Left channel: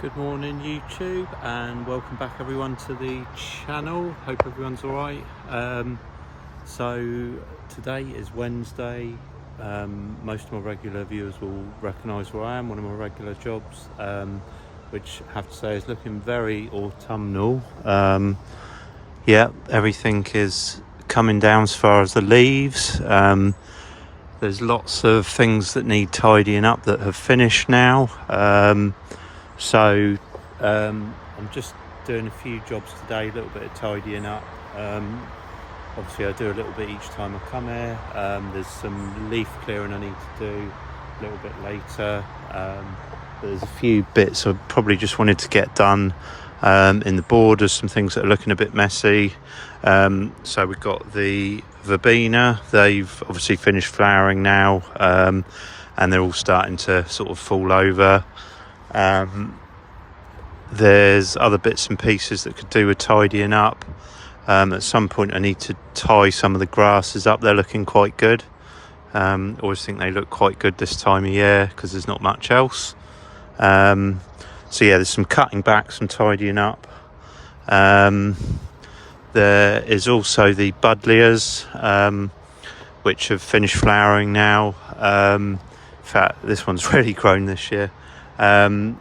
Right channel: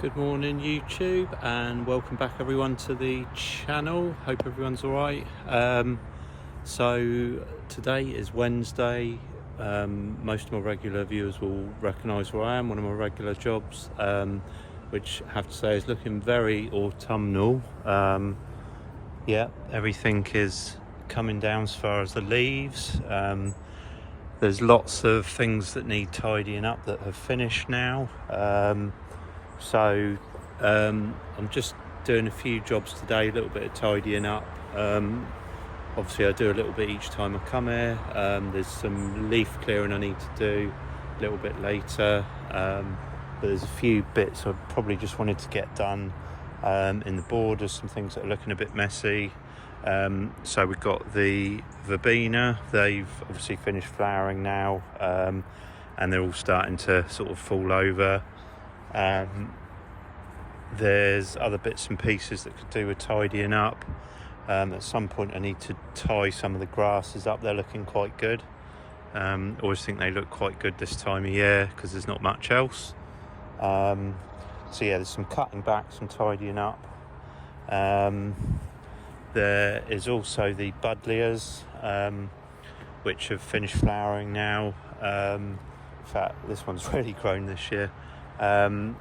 Good morning YouTube, and welcome back everyone to the channel. Hope everyone's alright. So today is Wednesday. Most of my regular viewers will recognise where I am, one of my regular jobs, which I have to say is looking very autumnal. Yeah, everything is coming down as far as the leaves. There's lots of things that need tidying up that have finished now. So I'm just doing a few jobs today, a little bit of tidying up. Obviously I do a little bit each time I come here. There's some leaf clearing I need to do a little bit later. But there's a few bits I probably just wanted to get done in the borders, some things that are looking a bit messy. So we've got the verbena. They've obviously finished flowering now, and they're all starting to sort of fall over. There's other bits and pieces that could do with tidying up. At some point I need to tie some of the grasses up. They're looking quite good. Always think they look quite good this time of year because there's not much else. So yeah, there's some cutting back, some tidying up. There is also the buddleias, which have finished flowering now. In fact, this one's really grown this year. And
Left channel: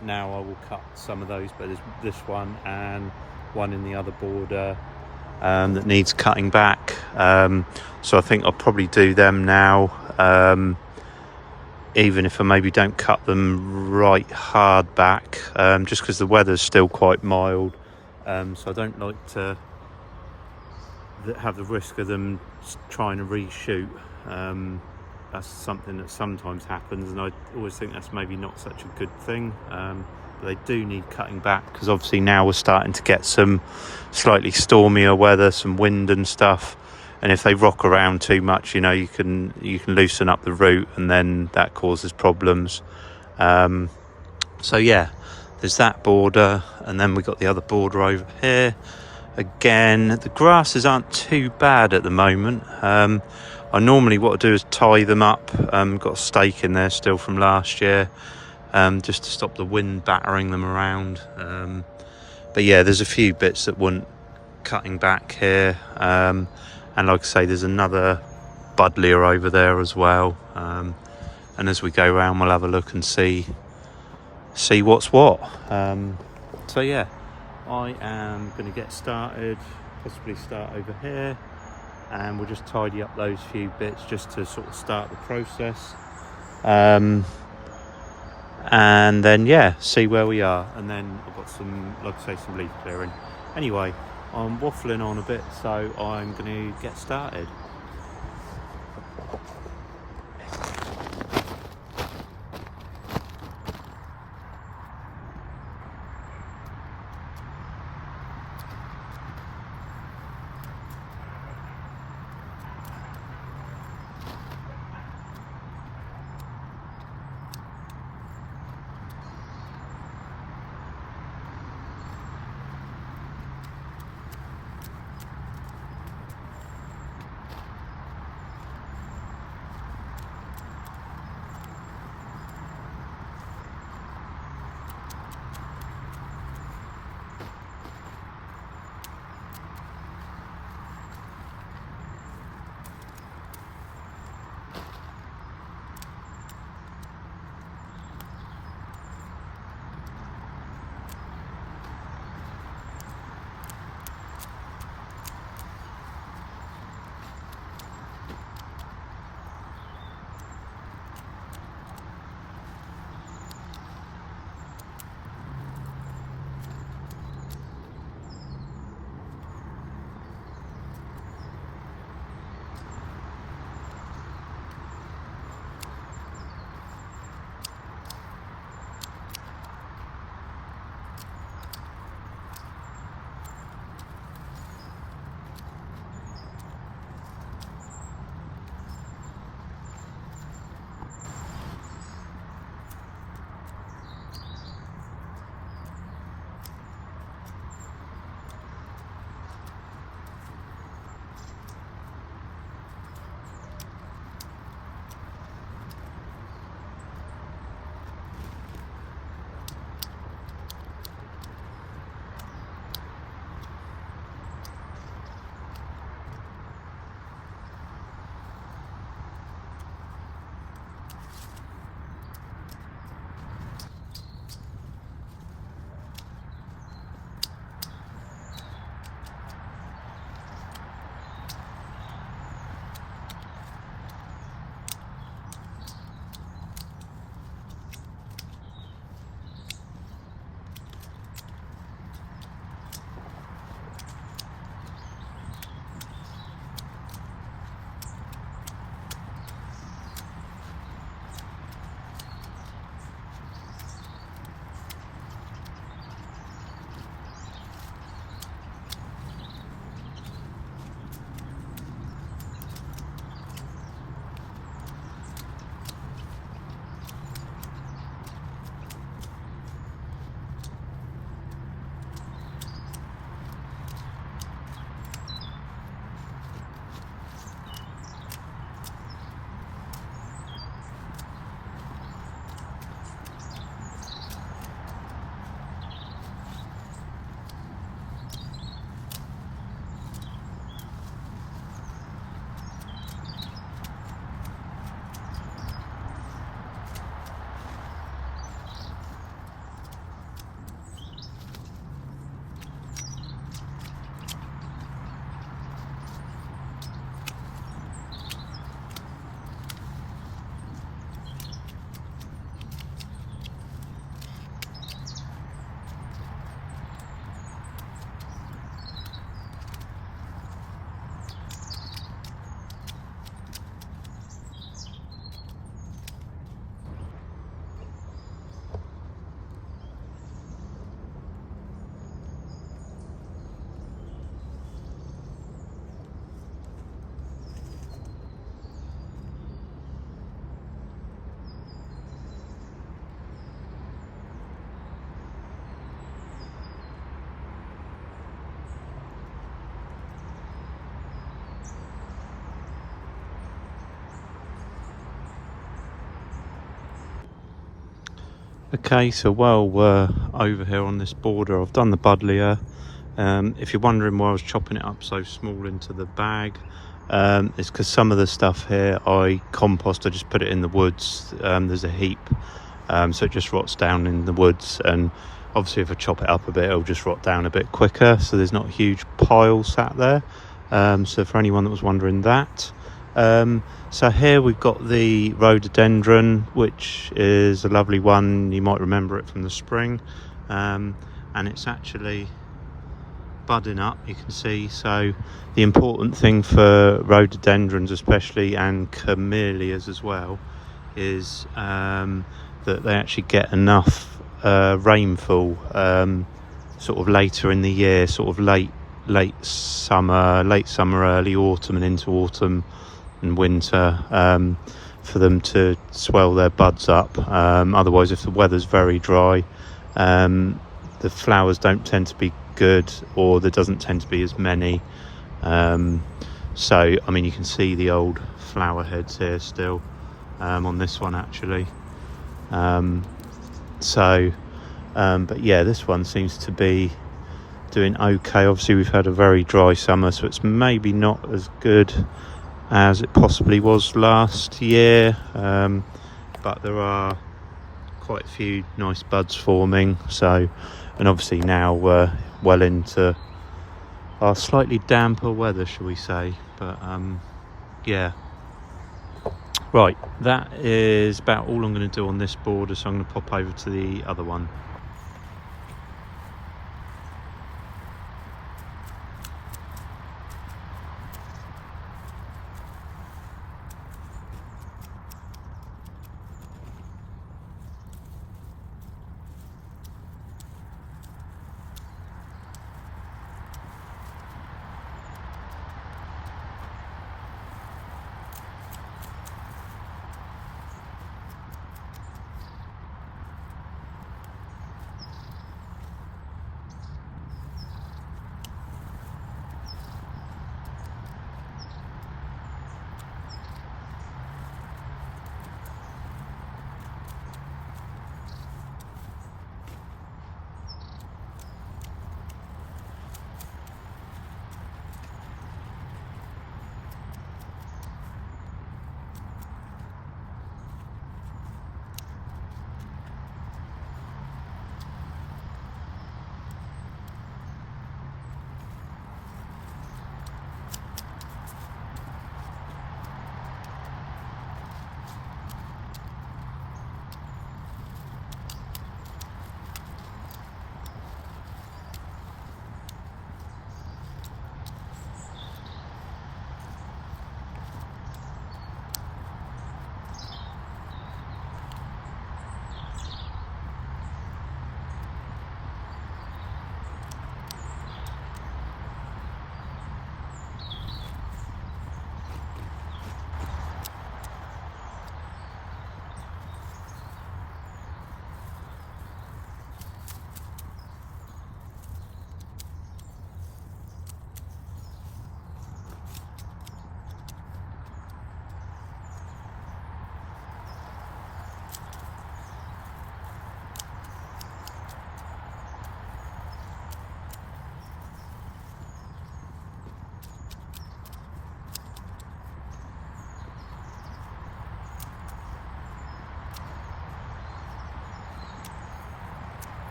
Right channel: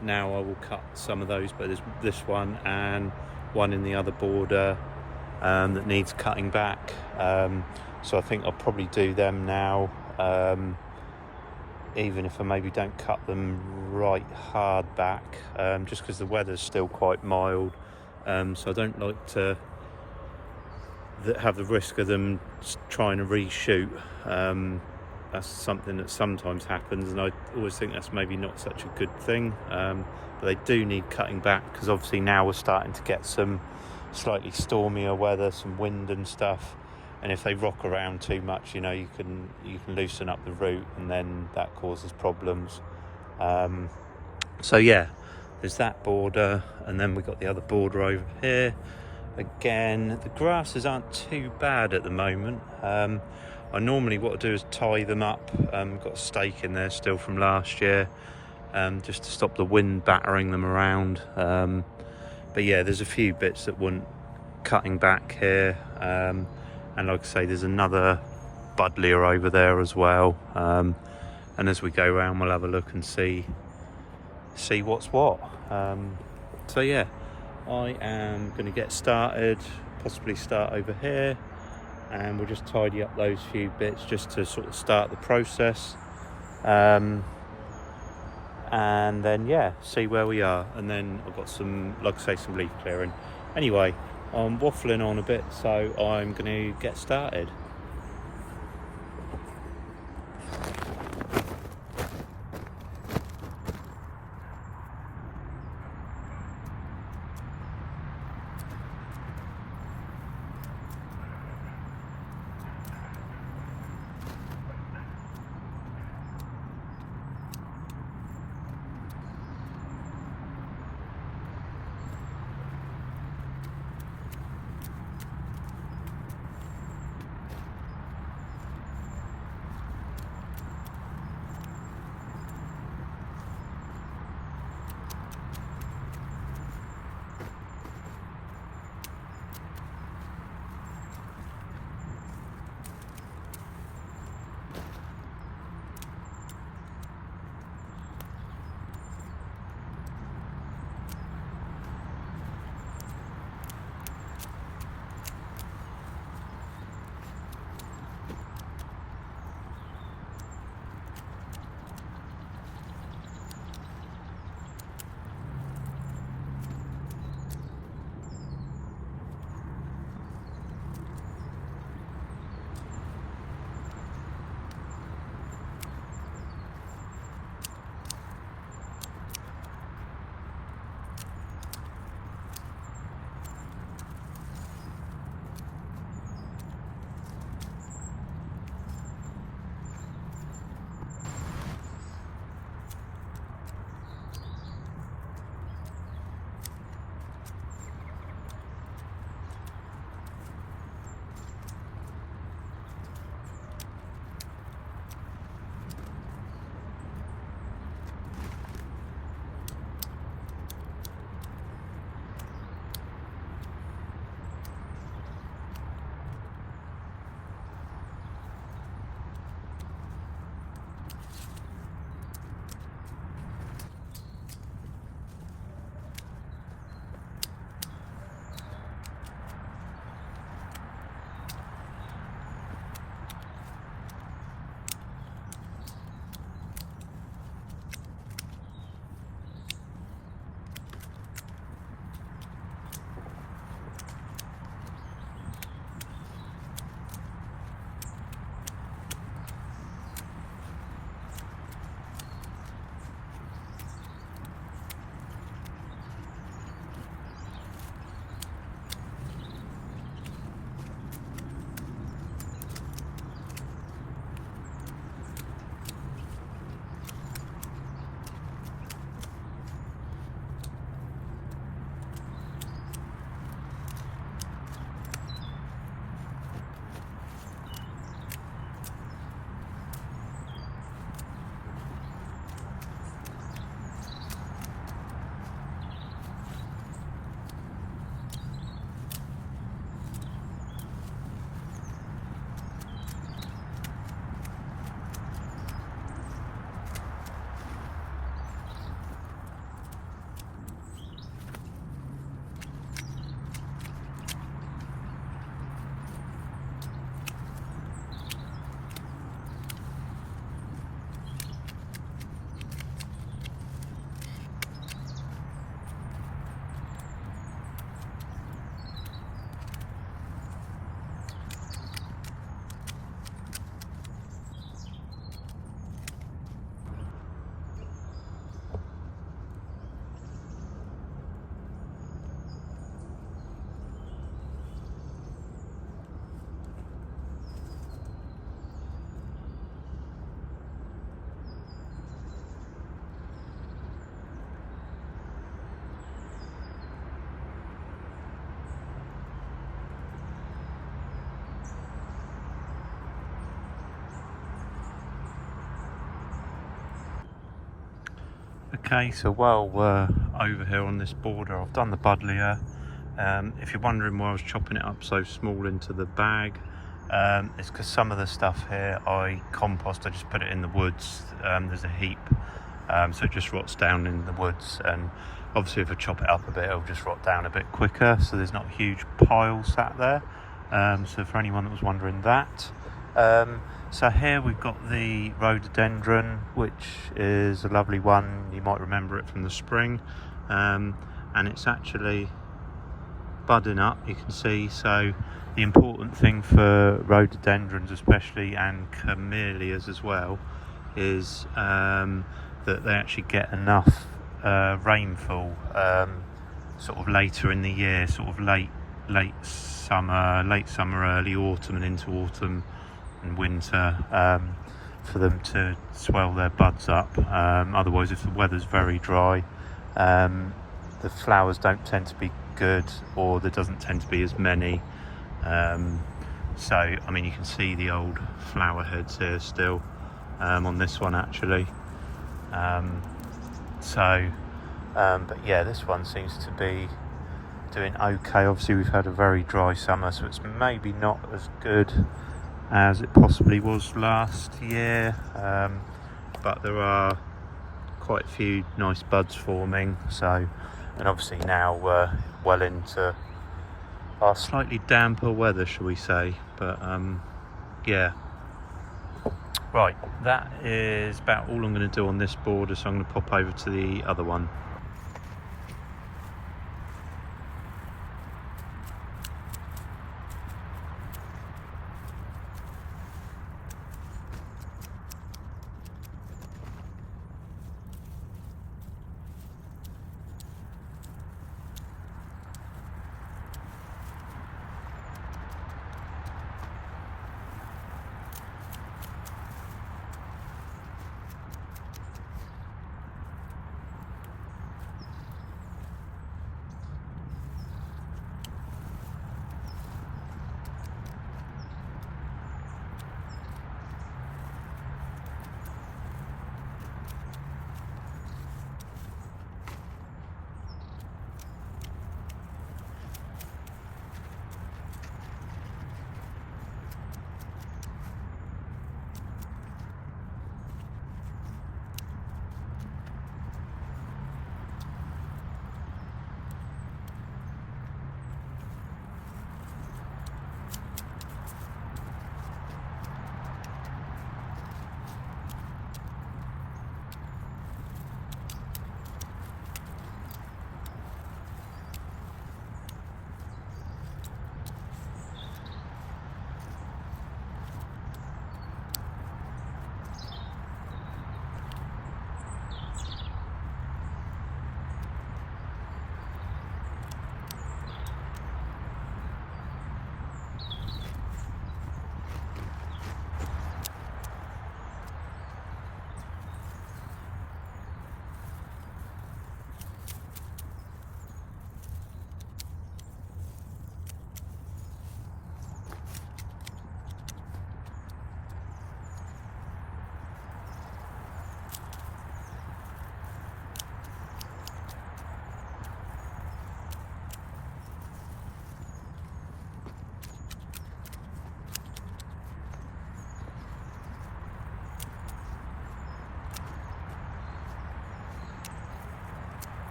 now I will cut some of those, but there's this one and one in the other border that needs cutting back. So I think I'll probably do them now, even if I maybe don't cut them right hard back, just because the weather's still quite mild. So I don't like to have the risk of them trying to reshoot. That's something that sometimes happens, and I always think that's maybe not such a good thing. But they do need cutting back because obviously now we're starting to get some slightly stormier weather, some wind and stuff. And if they rock around too much, you know, you can loosen up the root, and then that causes problems. So yeah, there's that border, and then we got the other border over here. Again, the grasses aren't too bad at the moment. I normally what I do is tie them up. Got a stake in there still from last year, just to stop the wind battering them around. But yeah, there's a few bits that want cutting back here, and like I say, there's another buddleia over there as well. And as we go around, we'll have a look and see what's what. So yeah, I am going to get started, possibly start over here, and we'll just tidy up those few bits just to sort of start the process, and then yeah, see where we are. And then I've got some, like I say, some leaf clearing. Anyway, I'm waffling on a bit, so I'm going to get started. Okay, so while we're over here on this border, I've done the buddleia. If you're wondering why I was chopping it up so small into the bag, it's because some of the stuff here I compost. I just put it in the woods. There's a heap, so it just rots down in the woods, and obviously if I chop it up a bit, it'll just rot down a bit quicker, so there's not a huge pile sat there. So for anyone that was wondering that. So here we've got the rhododendron, which is a lovely one. You might remember it from the spring, and it's actually budding up, you can see. So the important thing for rhododendrons especially, and camellias as well, is that they actually get enough rainfall sort of later in the year, sort of late summer, early autumn and into autumn and winter, for them to swell their buds up. Otherwise, if the weather's very dry, the flowers don't tend to be good, or there doesn't tend to be as many. So I mean, you can see the old flower heads here still on this one actually. But yeah, this one seems to be doing okay. Obviously we've had a very dry summer, so it's maybe not as good as it possibly was last year, but there are quite a few nice buds forming. So, and obviously now we're well into our slightly damper weather, shall we say. But yeah, right, that is about all I'm going to do on this border, so I'm going to pop over to the other one.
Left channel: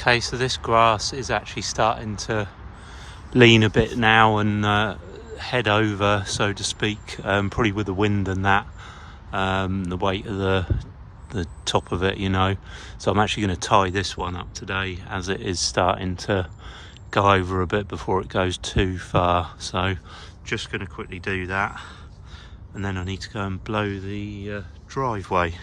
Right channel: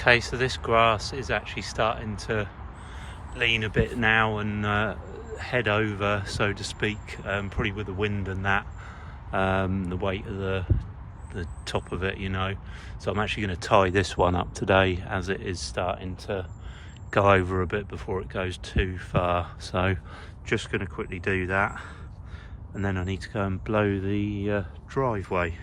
Okay, so this grass is actually starting to lean a bit now and head over, so to speak, probably with the wind and that, the weight of the top of it, you know. So I'm actually going to tie this one up today as it is starting to go over a bit before it goes too far. So just going to quickly do that, and then I need to go and blow the driveway.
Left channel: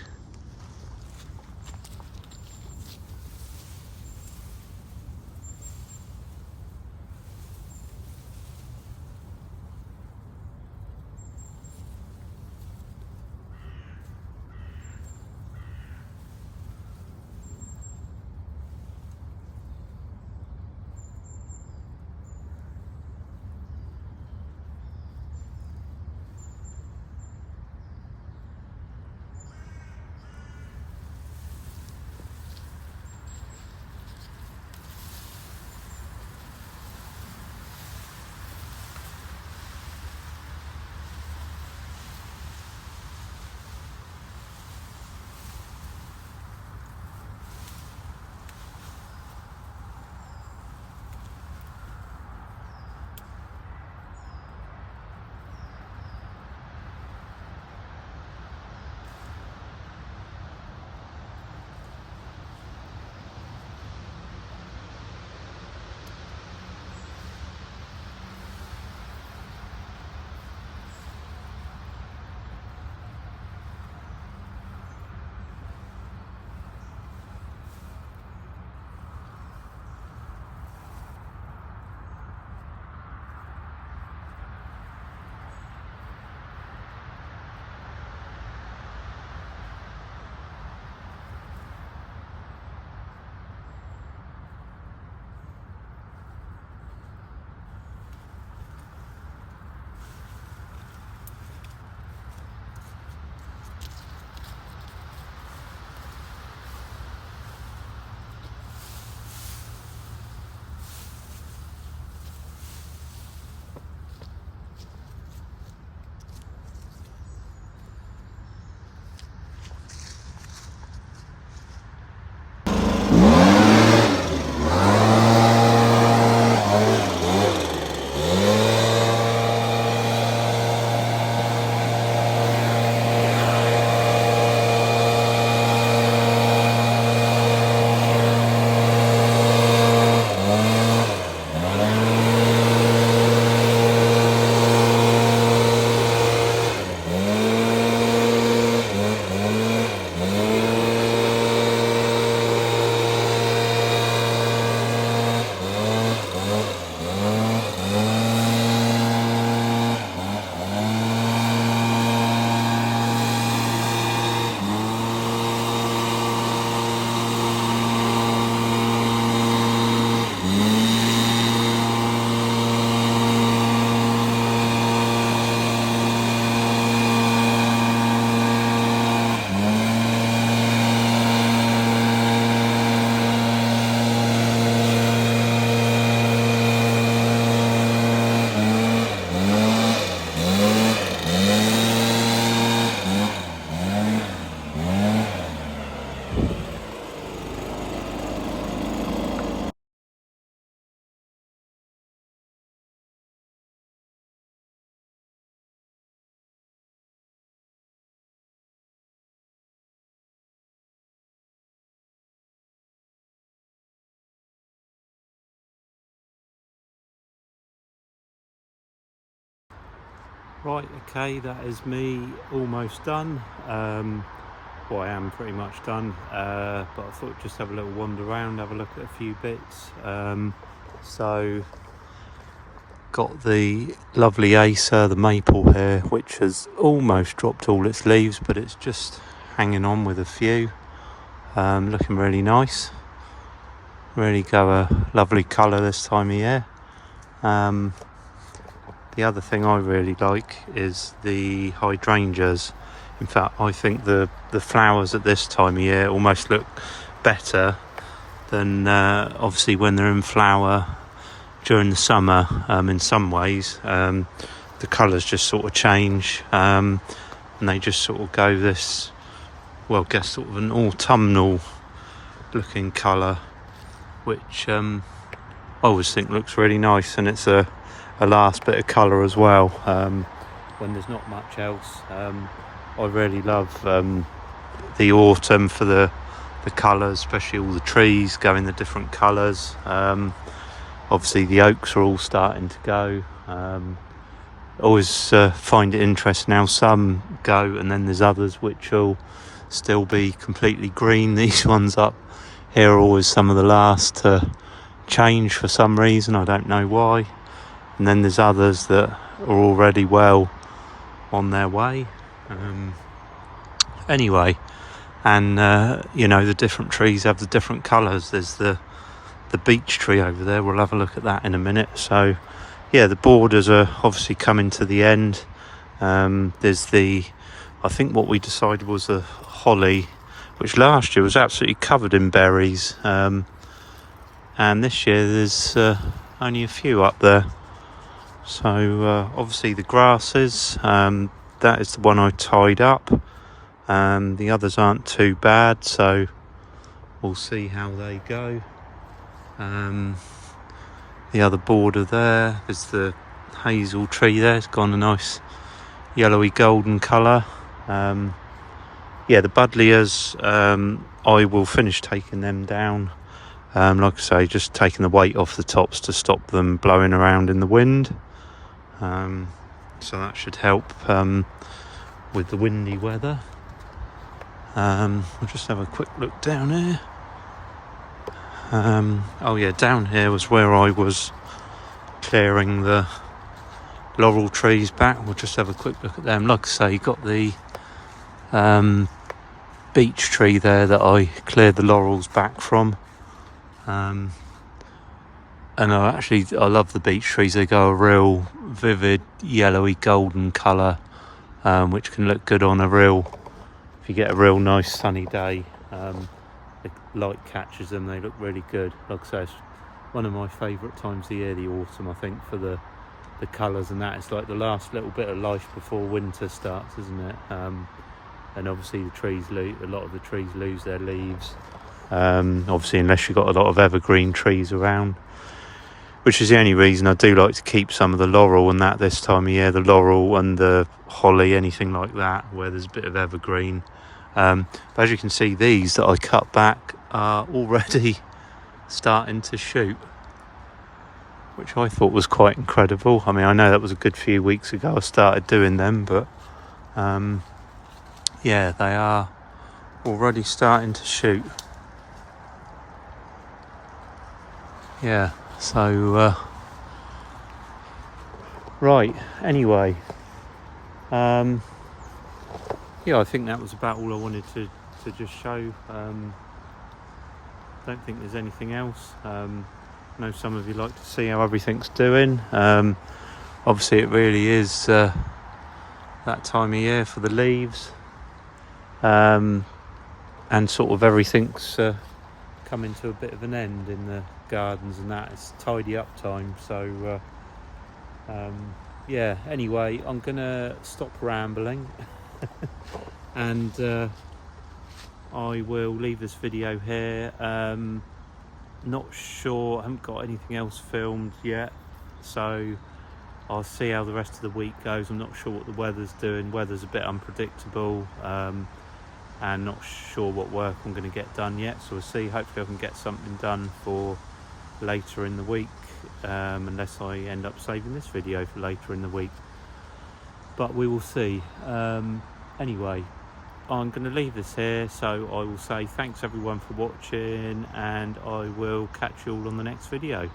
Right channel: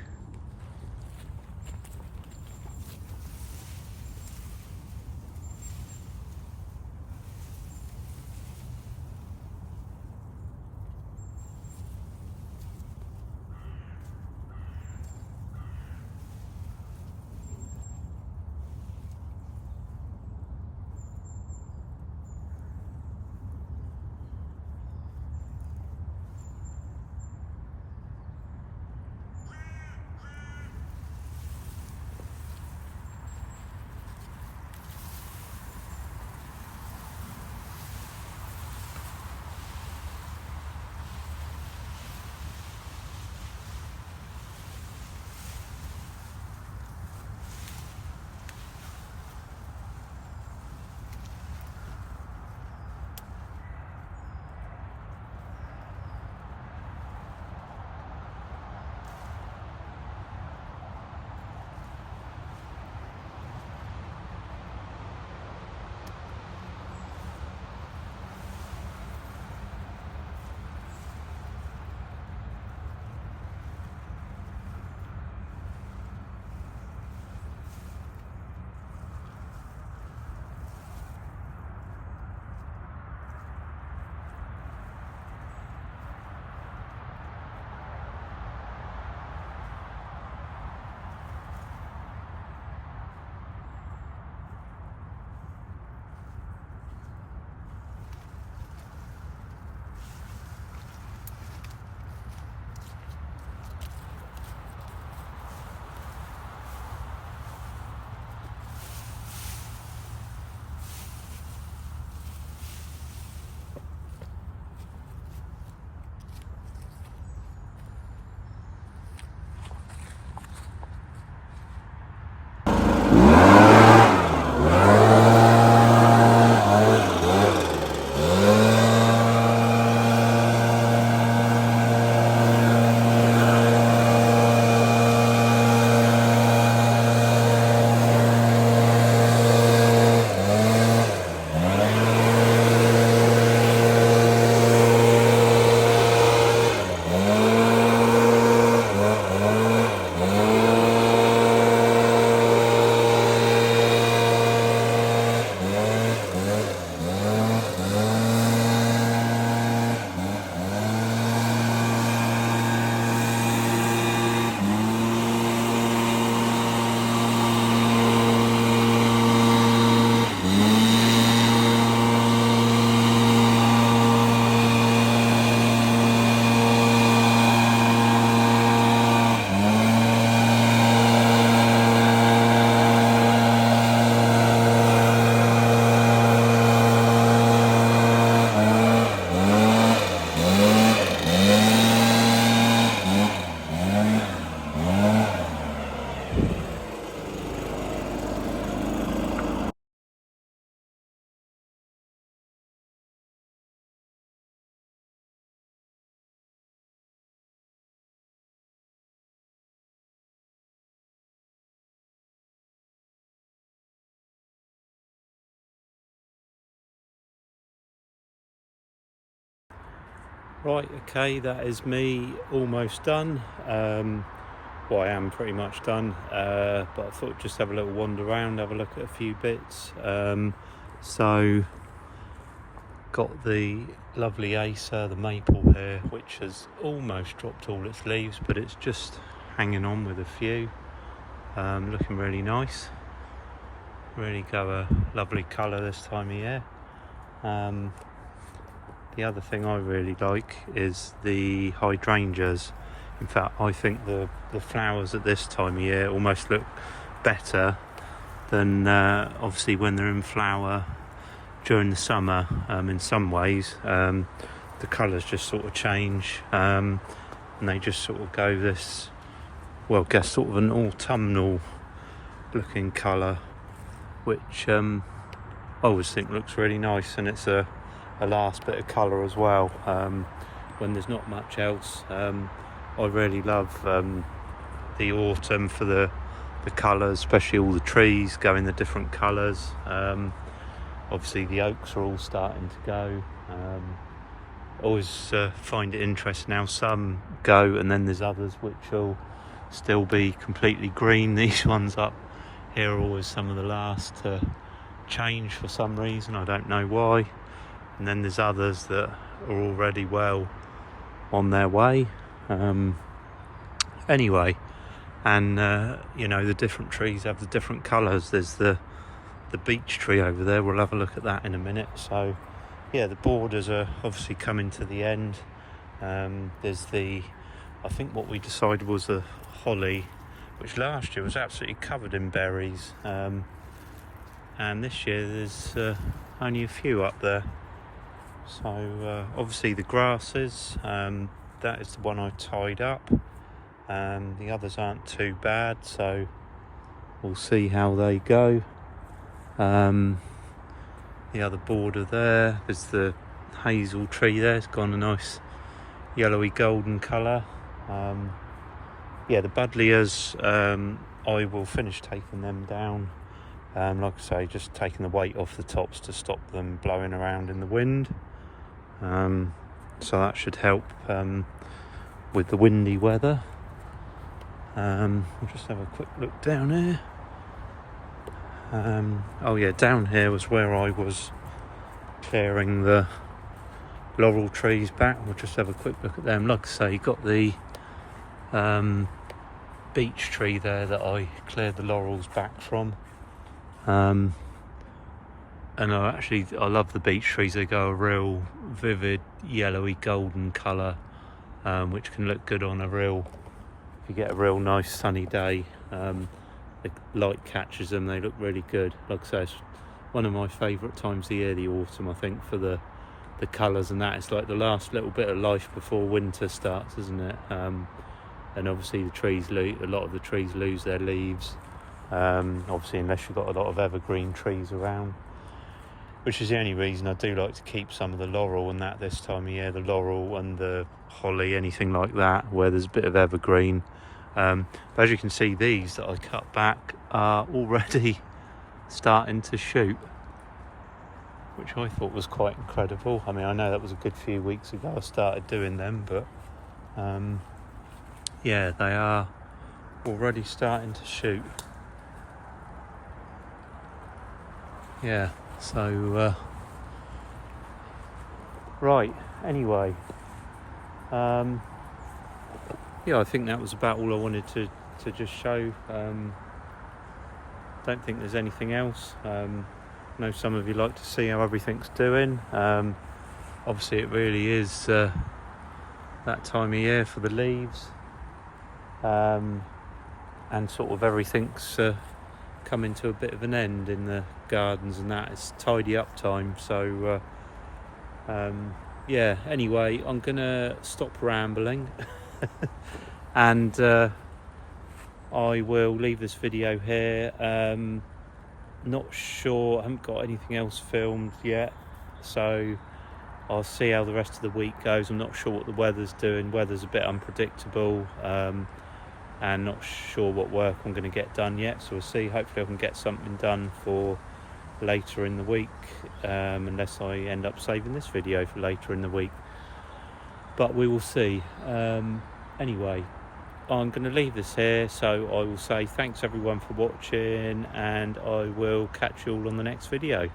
Right, okay, that is me almost done. Well, I am pretty much done, but I thought just have a little wander around, have a look at a few bits. So got the lovely Acer, the maple here, which has almost dropped all its leaves, but it's just hanging on with a few. Looking really nice. Really go a lovely colour this time of year. The other thing I really like is the hydrangeas. In fact, I think the flowers at this time of year almost look better than obviously when they're in flower during the summer. In some ways, the colours just sort of change, and they just sort of go this, well, I guess sort of an autumnal looking colour. which I always think looks really nice, and it's a last bit of colour as well when there's not much else. I really love the autumn for the colours, especially all the trees going the different colours. Obviously the oaks are all starting to go. Always find it interesting how some go and then there's others which will still be completely green. These ones up here are always some of the last to change for some reason, I don't know why. And then there's others that are already well on their way. Anyway, and you know, the different trees have the different colours. There's the beech tree over there, we'll have a look at that in a minute. So yeah, the borders are obviously coming to the end. There's I think what we decided was a holly, which last year was absolutely covered in berries, and this year there's only a few up there. So obviously the grasses, that is the one I tied up. The others aren't too bad, so we'll see how they go. The other border there is the hazel tree there. It's gone a nice yellowy golden colour. Yeah, the buddleias, I will finish taking them down. Like I say, just taking the weight off the tops to stop them blowing around in the wind. So that should help with the windy weather. We'll just have a quick look down here. Oh yeah, down here was where I was clearing the laurel trees back. We'll just have a quick look at them. Like I say, you got the beech tree there that I cleared the laurels back from. And I love the beech trees. They go a real vivid yellowy golden colour, which can look good on if you get a real nice sunny day. The light catches them, they look really good. Like I say, it's one of my favourite times of the year, the autumn, I think, for the colours and that. It's like the last little bit of life before winter starts, isn't it? And obviously a lot of the trees lose their leaves, obviously unless you've got a lot of evergreen trees around, which is the only reason I do like to keep some of the laurel and that this time of year, the laurel and the holly, anything like that where there's a bit of evergreen. But as you can see, these that I cut back are already starting to shoot, which I thought was quite incredible. I mean, I know that was a good few weeks ago I started doing them, but yeah, they are already starting to shoot. Yeah, so right, anyway, yeah, I think that was about all I wanted to just show. Don't think there's anything else. I know some of you like to see how everything's doing. Obviously it really is that time of year for the leaves, and sort of everything's coming to a bit of an end in the gardens and that. It's tidy up time, so yeah, anyway, I'm gonna stop rambling and I will leave this video here. Not sure, I haven't got anything else filmed yet, so I'll see how the rest of the week goes. I'm not sure what the weather's doing. Weather's a bit unpredictable, and not sure what work I'm going to get done yet, so we'll see. Hopefully I can get something done for later in the week, unless I end up saving this video for later in the week, but we will see. Anyway, I'm going to leave this here, so I will say thanks everyone for watching, and I will catch you all on the next video.